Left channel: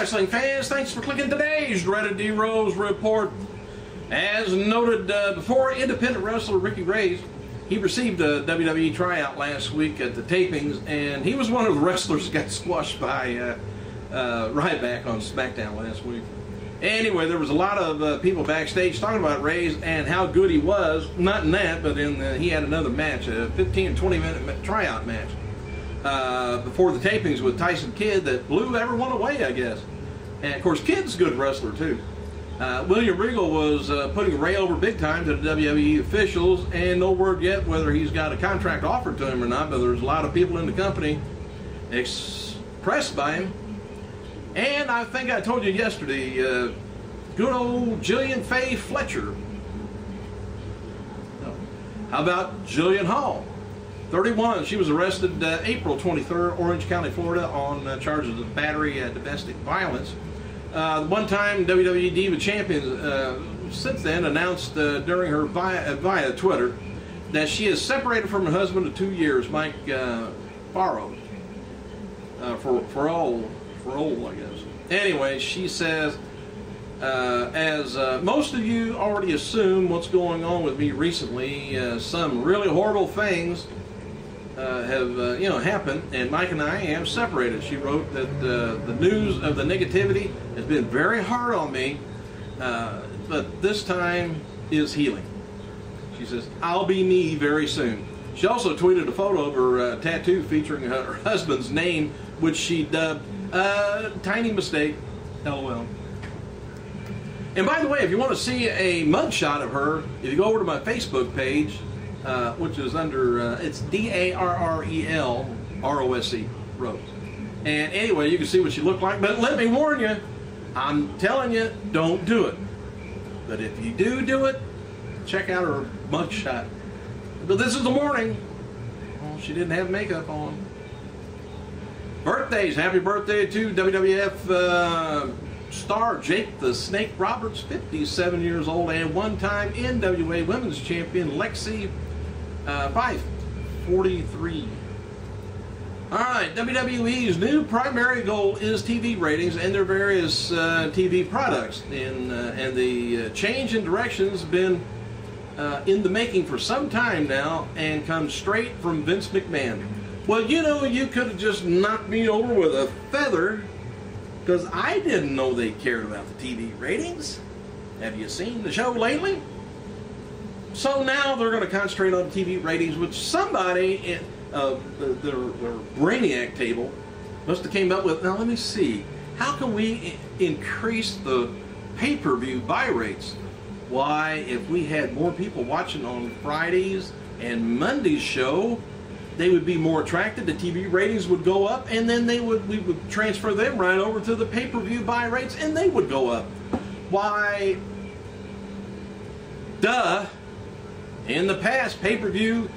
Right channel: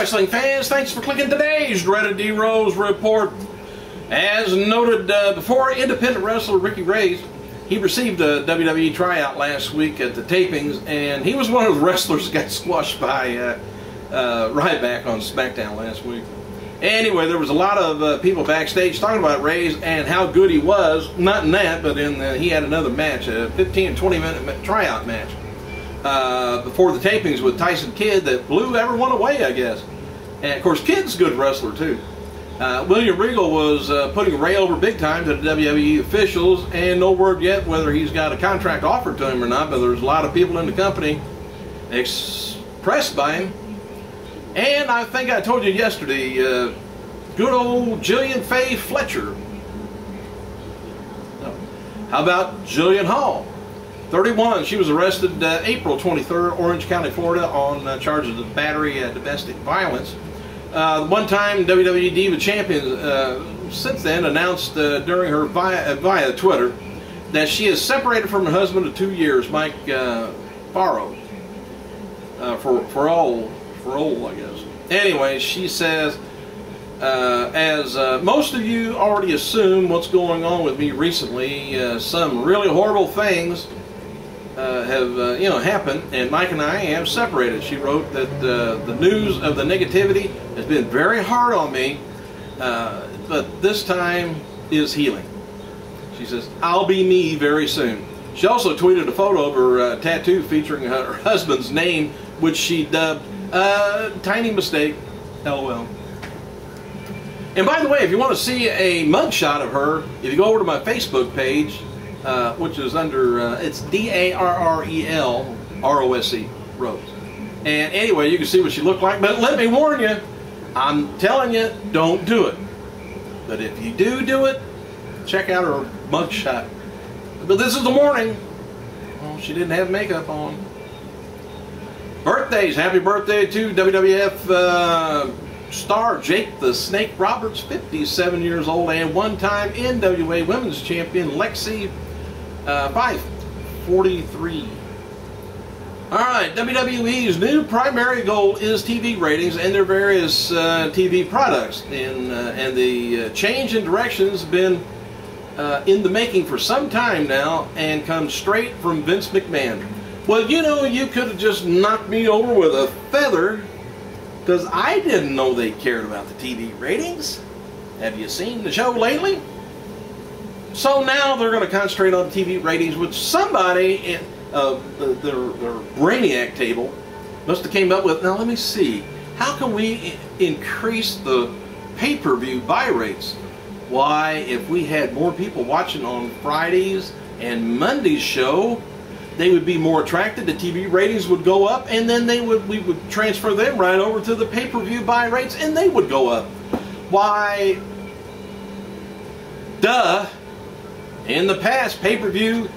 wrestling fans, thanks for clicking today's dreaded D-Rose report. As noted before, independent wrestler Ricky Reyes, he received a WWE tryout last week at the tapings, and he was one of the wrestlers that got squashed by Ryback on SmackDown last week. Anyway, there was a lot of people backstage talking about Reyes and how good he was. Not in that, but in he had another match, a 15 to 20 minute tryout match before the tapings with Tyson Kidd that blew everyone away, I guess. And of course, Kidd's a good wrestler too. William Regal was putting Ray over big time to the WWE officials, and no word yet whether he's got a contract offered to him or not, but there's a lot of people in the company expressed by him. And I think I told you yesterday, good old Jillian Faye Fletcher. No. How about Jillian Hall? 31. She was arrested April 23rd, Orange County, Florida, on charges of battery, domestic violence. The one-time WWE Diva champion since then announced during her via Twitter that she is separated from her husband of 2 years, Mike Farrow, for all, I guess. Anyway, she says, as most of you already assume what's going on with me recently, some really horrible things have happened, and Mike and I have separated. She wrote that the news of the negativity has been very hard on me, but this time is healing. She says, I'll be me very soon. She also tweeted a photo of her tattoo featuring her husband's name, which she dubbed Tiny Mistake, LOL. And by the way, if you want to see a mugshot of her, if you go over to my Facebook page, which is under, it's DARREL-ROSE, Rose. And anyway, you can see what she looked like. But let me warn you, I'm telling you, don't do it. But if you do it, check out her mugshot. But this is the morning. Oh, she didn't have makeup on. Birthdays. Happy birthday to WWF star Jake the Snake Roberts, 57 years old, and one-time NWA Women's Champion Lexi 43. All right, WWE's new primary goal is TV ratings and their various TV products. And the change in directions has been in the making for some time now and comes straight from Vince McMahon. Well, you know, you could have just knocked me over with a feather, because I didn't know they cared about the TV ratings. Have you seen the show lately? So now they're going to concentrate on TV ratings, which somebody in their brainiac table must have came up with. Now let me see, how can we increase the pay-per-view buy rates? Why, if we had more people watching on Fridays and Monday's show, they would be more attracted, the TV ratings would go up, and then we would transfer them right over to the pay-per-view buy rates, and they would go up. Why, duh. In the past, pay-per-view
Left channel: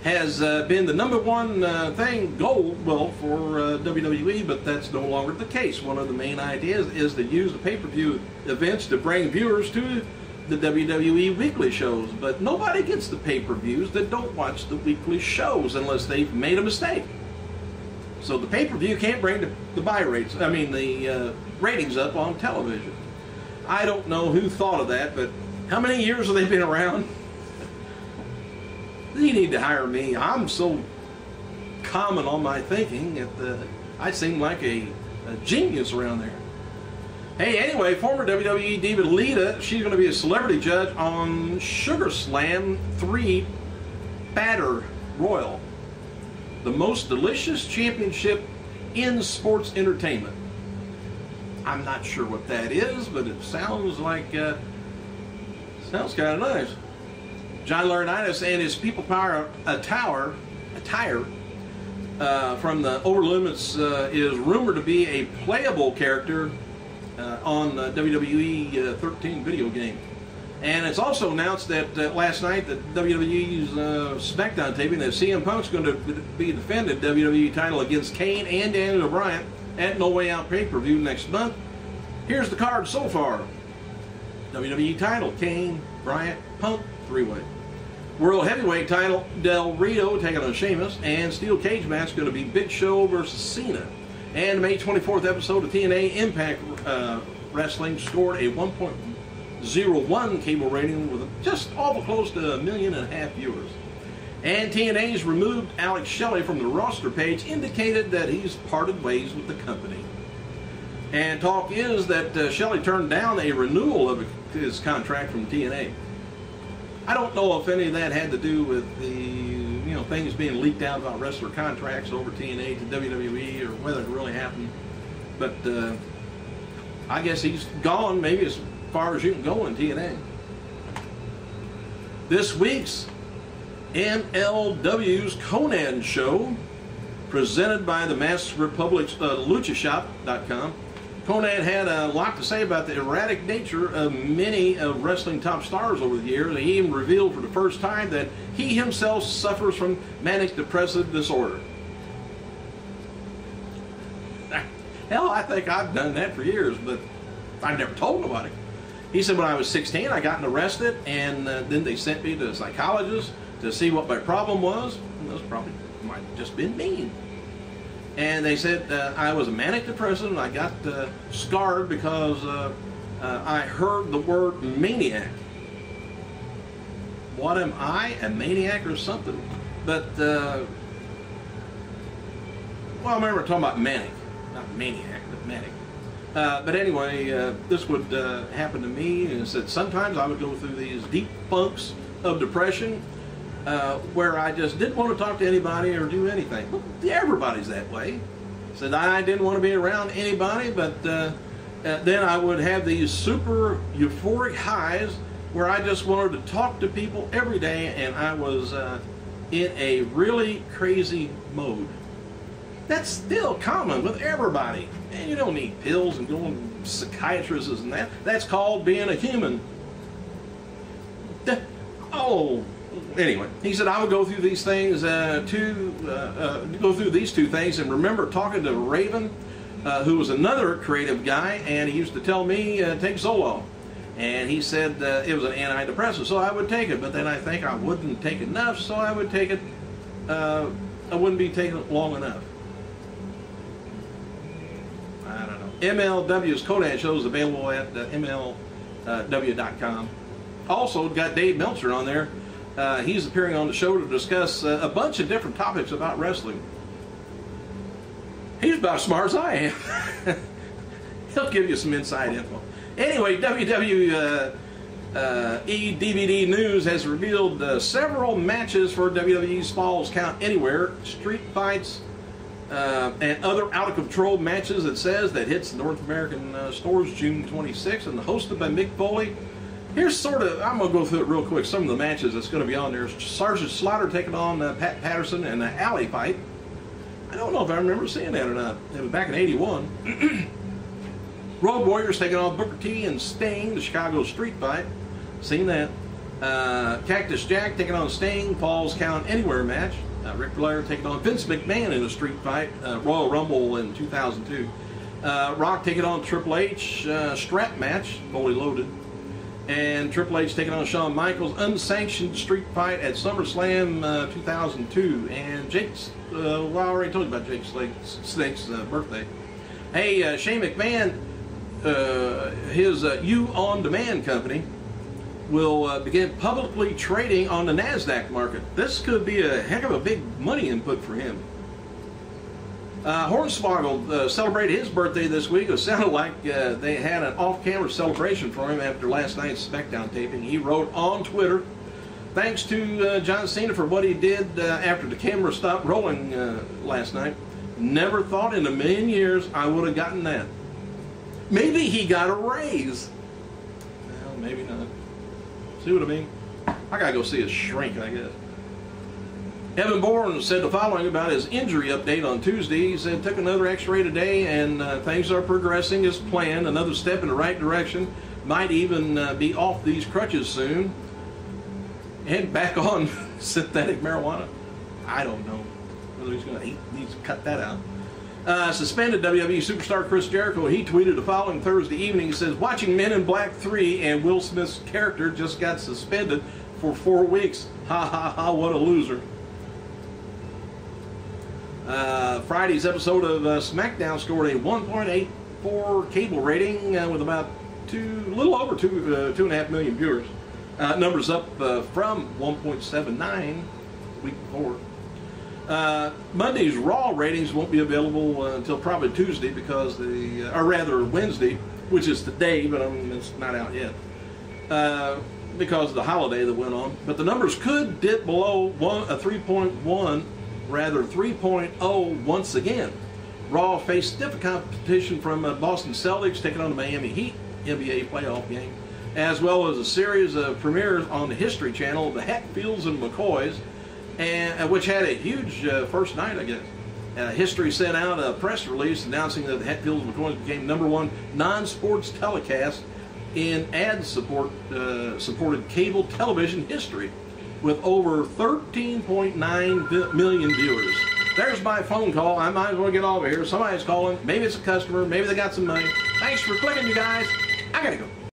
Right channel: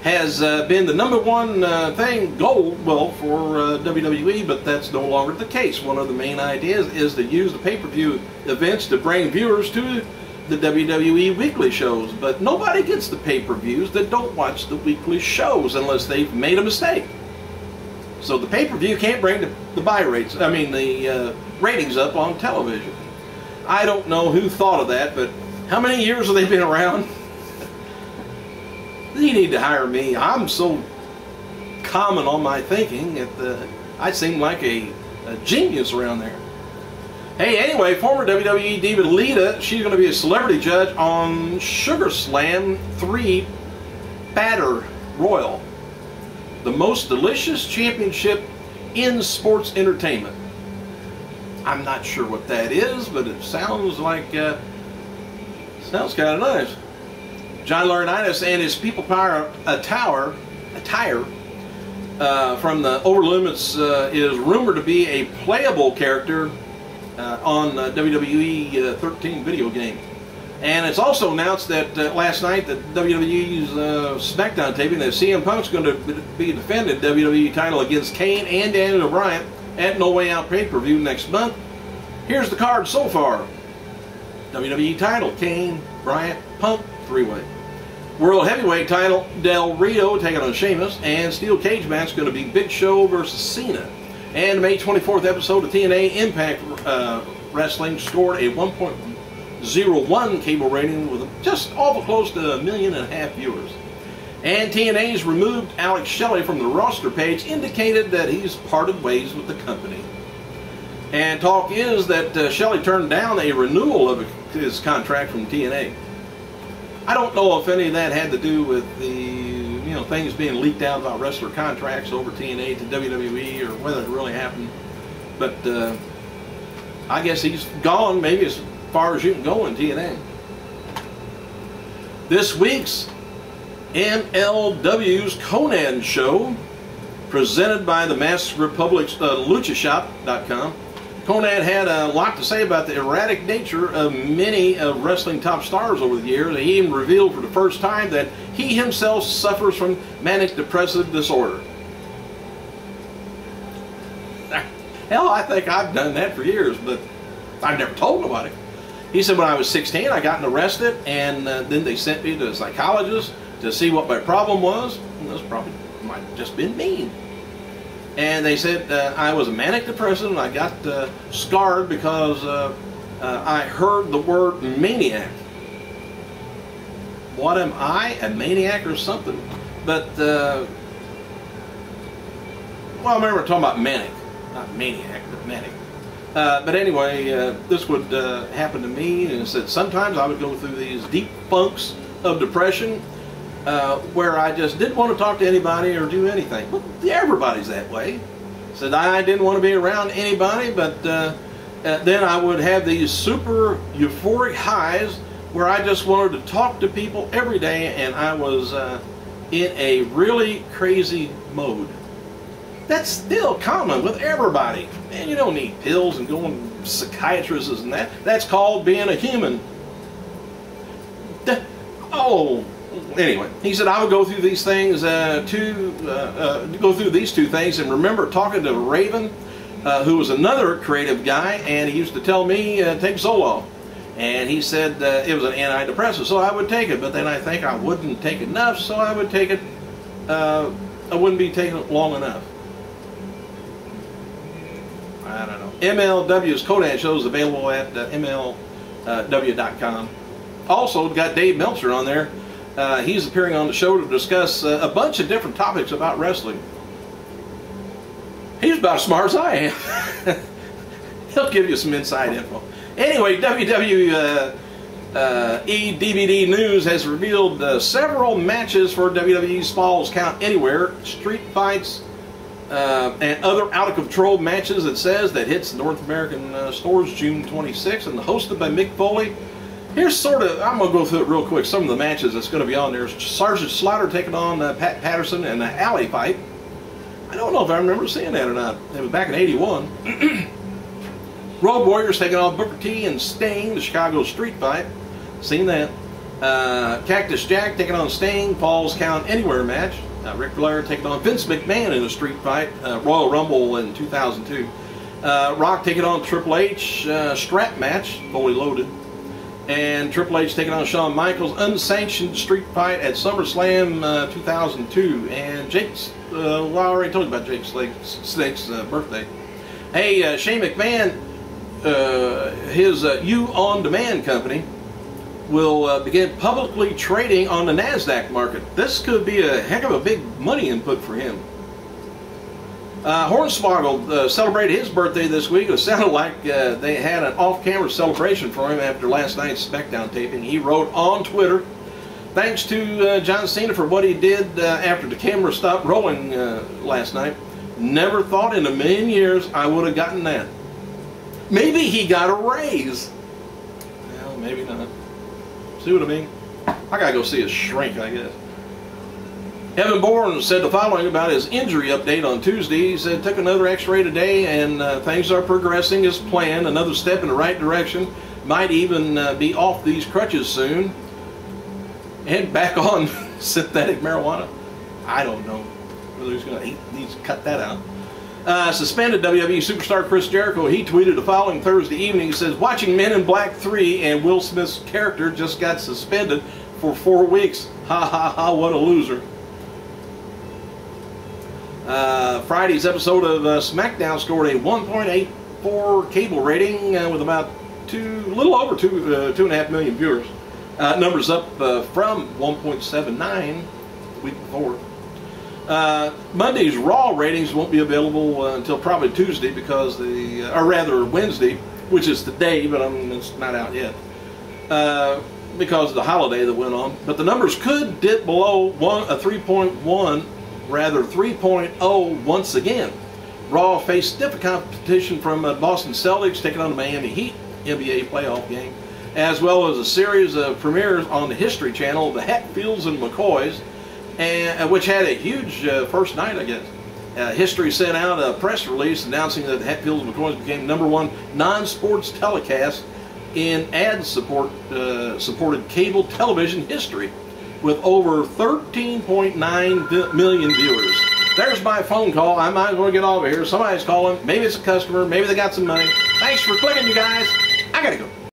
has been the #1 goal, well, for WWE, but that's no longer the case. One of the main ideas is to use the pay-per-view events to bring viewers to the WWE weekly shows, but nobody gets the pay-per-views that don't watch the weekly shows unless they've made a mistake. So the pay-per-view can't bring the buy rates, the ratings up on television. I don't know who thought of that, but how many years have they been around? They need to hire me. I'm so common on my thinking that I seem like a genius around there. Hey, anyway, former WWE diva Lita, she's going to be a celebrity judge on Sugar Slam 3 Batter Royal, the most delicious championship in sports entertainment. I'm not sure what that is, but it sounds like, sounds kind of nice. John Laurinaitis and his People Power attire from the Over Limits is rumored to be a playable character on WWE 13 video game. And it's also announced that last night that WWE's SmackDown taping that CM Punk's going to be defending WWE title against Kane and Daniel Bryan at No Way Out pay-per-view next month. Here's the card so far. WWE title, Kane, Bryant, Punk, 3-way. World Heavyweight title, Del Rio taking on Sheamus, and Steel Cage match going to be Big Show versus Cena. And the May 24th episode of TNA Impact Wrestling scored a 1.01 cable rating with just awful close to 1.5 million viewers. And TNA's removed Alex Shelley from the roster page indicated that he's parted ways with the company. And talk is that Shelley turned down a renewal of his contract from TNA. I don't know if any of that had to do with the things being leaked out about wrestler contracts over TNA to WWE, or whether it really happened. But I guess he's gone maybe as far as you can go in TNA. This week's MLW's Konnan show, presented by the Masked Republic's LuchaShop.com. Konnan had a lot to say about the erratic nature of many of wrestling top stars over the years. He even revealed for the first time that he himself suffers from manic depressive disorder. Hell, I think I've done that for years, but I've never told nobody. He said, when I was 16, I got arrested, and then they sent me to a psychologist to see what my problem was. And those probably might have just been mean. And they said I was a manic depressive, and I got scarred because I heard the word maniac. What am I, a maniac or something? But, well, I remember talking about manic. Not maniac, but manic. But anyway, this would happen to me, and it said sometimes I would go through these deep funks of depression where I just didn't want to talk to anybody or do anything. But everybody's that way. Said I didn't want to be around anybody, but then I would have these super euphoric highs where I just wanted to talk to people every day, and I was in a really crazy mode. That's still common with everybody. Man, you don't need pills and going to psychiatrists and that. That's called being a human. Anyway, he said I would go through these things go through these two things, and remember talking to Raven, who was another creative guy, and he used to tell me take Zoloft, and he said it was an antidepressant, so I would take it, but then I think I wouldn't take enough, so I would take it. I wouldn't be taking it long enough. I don't know. MLW's Konnan show is available at MLW.com. Also, got Dave Meltzer on there. He's appearing on the show to discuss a bunch of different topics about wrestling. He's about as smart as I am. He'll give you some inside info. Anyway, WWE DVD News has revealed several matches for WWE's Falls Count Anywhere street fights and other out-of-control matches, it says, that hits North American stores June 26th, and hosted by Mick Foley. Here's sort of, I'm going to go through it real quick, some of the matches that's going to be on there. Sergeant Slaughter taking on Pat Patterson in an alley fight. I don't know if I remember seeing that or not. It was back in '81. Road Warriors taking on Booker T and Sting, the Chicago street fight. Seen that. Cactus Jack taking on Sting, Falls Count Anywhere match. Ric Flair taking on Vince McMahon in a street fight, Royal Rumble in 2002. Rock taking on Triple H, strap match, fully loaded. And Triple H taking on Shawn Michaels, unsanctioned street fight at SummerSlam 2002. And Jake's, well, I already told you about Jake Snake's birthday. Hey, Shane McMahon, his You On Demand company, will begin publicly trading on the NASDAQ market. This could be a heck of a big money input for him. Hornswoggle celebrated his birthday this week. It sounded like they had an off-camera celebration for him after last night's SmackDown taping. He wrote on Twitter, thanks to John Cena for what he did after the camera stopped rolling last night. Never thought in a million years I would have gotten that. Maybe he got a raise. Well, maybe not. See what I mean? I gotta go see a shrink, I guess. Evan Bourne said the following about his injury update on Tuesday. He said, took another x-ray today, and things are progressing as planned. Another step in the right direction. Might even be off these crutches soon. And back on synthetic marijuana. I don't know whether he's going to needs to cut that out. Suspended WWE superstar Chris Jericho, he tweeted the following Thursday evening. He says, watching Men in Black 3 and Will Smith's character just got suspended for 4 weeks. Ha ha ha, what a loser. Friday's episode of SmackDown scored a 1.84 cable rating with about little over 2.5 million viewers. Numbers up from 1.79 the week before. Monday's Raw ratings won't be available until probably Tuesday or rather Wednesday, which is today, but it's not out yet because of the holiday that went on. But the numbers could dip below 3.0 once again. Raw faced stiff competition from Boston Celtics taking on the Miami Heat NBA playoff game, as well as a series of premieres on the History Channel, the Hatfields and McCoys, which had a huge first night, I guess. History sent out a press release announcing that the Hatfields and McCoys became _1 non-sports telecast in ad-supported cable television history, with over 13.9 million viewers. There's my phone call. I might as well get over here. Somebody's calling. Maybe it's a customer. Maybe they got some money. Thanks for clicking, you guys. I gotta go.